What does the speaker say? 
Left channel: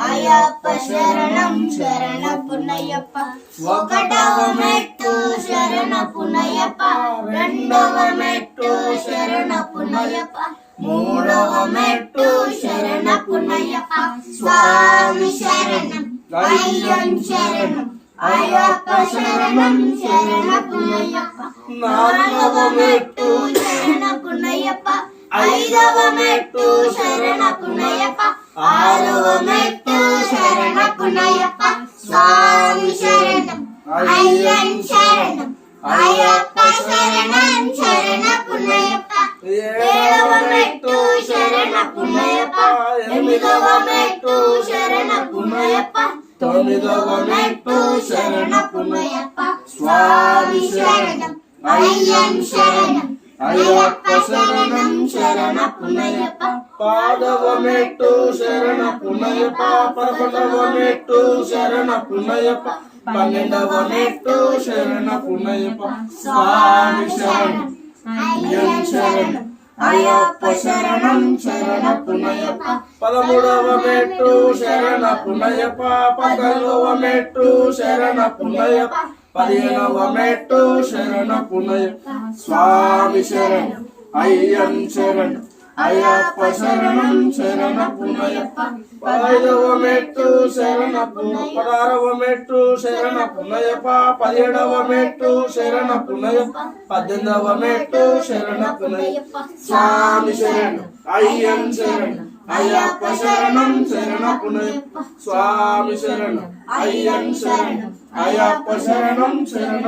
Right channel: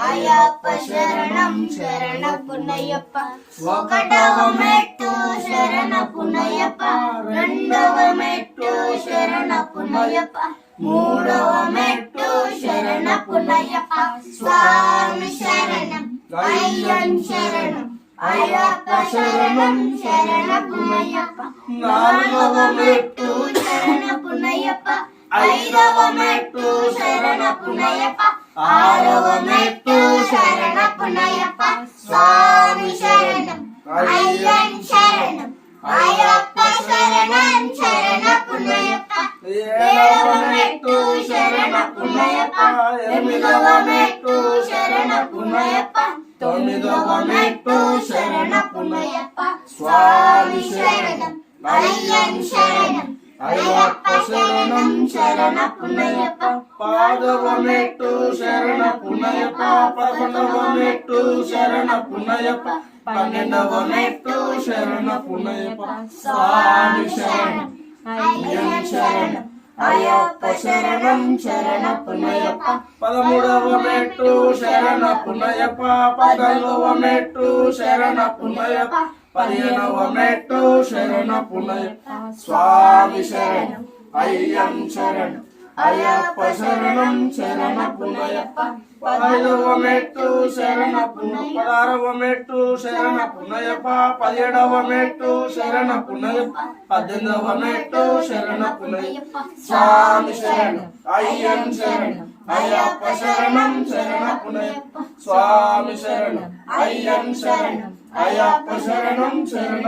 అయ్యప్ప శరణం శరణపునయ్యప్ప ఒకటవ మెట్టు శరణపునయ్యప్ప రెండవ మెట్టు శరణపునయ్యప్ప మూడవ మెట్టు శరణపునయ్యప్ప స్వామి శరణం అయ్యన్ శరణం అయ్యప్ప శరణం శరణపునయ్యప్ప నాలుగవ మెట్టు శరణపునయ్యప్ప ఐదవ మెట్టు శరణపునయ్యప్ప ఆరవ మెట్టు శరణపునయ్యప్ప స్వామి శరణం అయ్యన్ శరణం అయ్యప్ప శరణం శరణపునయ్యప్ప ఏడవ మెట్టు శరణపునయ్యప్ప ఎనిమిదవ మెట్టు శరణపునయ్యప్ప తొమ్మిదవ మెట్టు శరణపునయ్యప్ప స్వామి శరణం అయ్యన్ శరణం అయ్యప్ప శరణం శరణపునయ్యప్ప పాదవ మెట్టు శరణపునయ్యప్ప పదకొండవ మెట్టు శరణపునయ్యప్ప పన్నెండవ మెట్టు శరణపునయ్యప్ప స్వామి శరణం అయ్యన్ శరణం అయ్యప్ప శరణం శరణపునయ్యప్ప పదమూడవ మెట్టు శరణపునయ్యప్ప పద్నాలుగవ మెట్టు శరణపునయ్యప్ప పదిహేనవ మెట్టు శరణపునయ్యప్ప స్వామి శరణం అయ్యన్ శరణం అయ్యప్ప శరణం శరణపునయ్యప్ప పదైదవ మెట్టు పదహారవ మెట్టు శరణపునయ్యప్ప పదిహేడవ మెట్టు శరణపునయ్యప్ప పద్దెనిమిదవ మెట్టు శరణపునయ్యప్ప స్వామి శరణం అయ్యన్ శరణం అయ్యప్ప శరణం శరణపునయ్యప్ప స్వామి శరణం అయ్యన్ శరణం అయ్యప్ప శరణం శరణ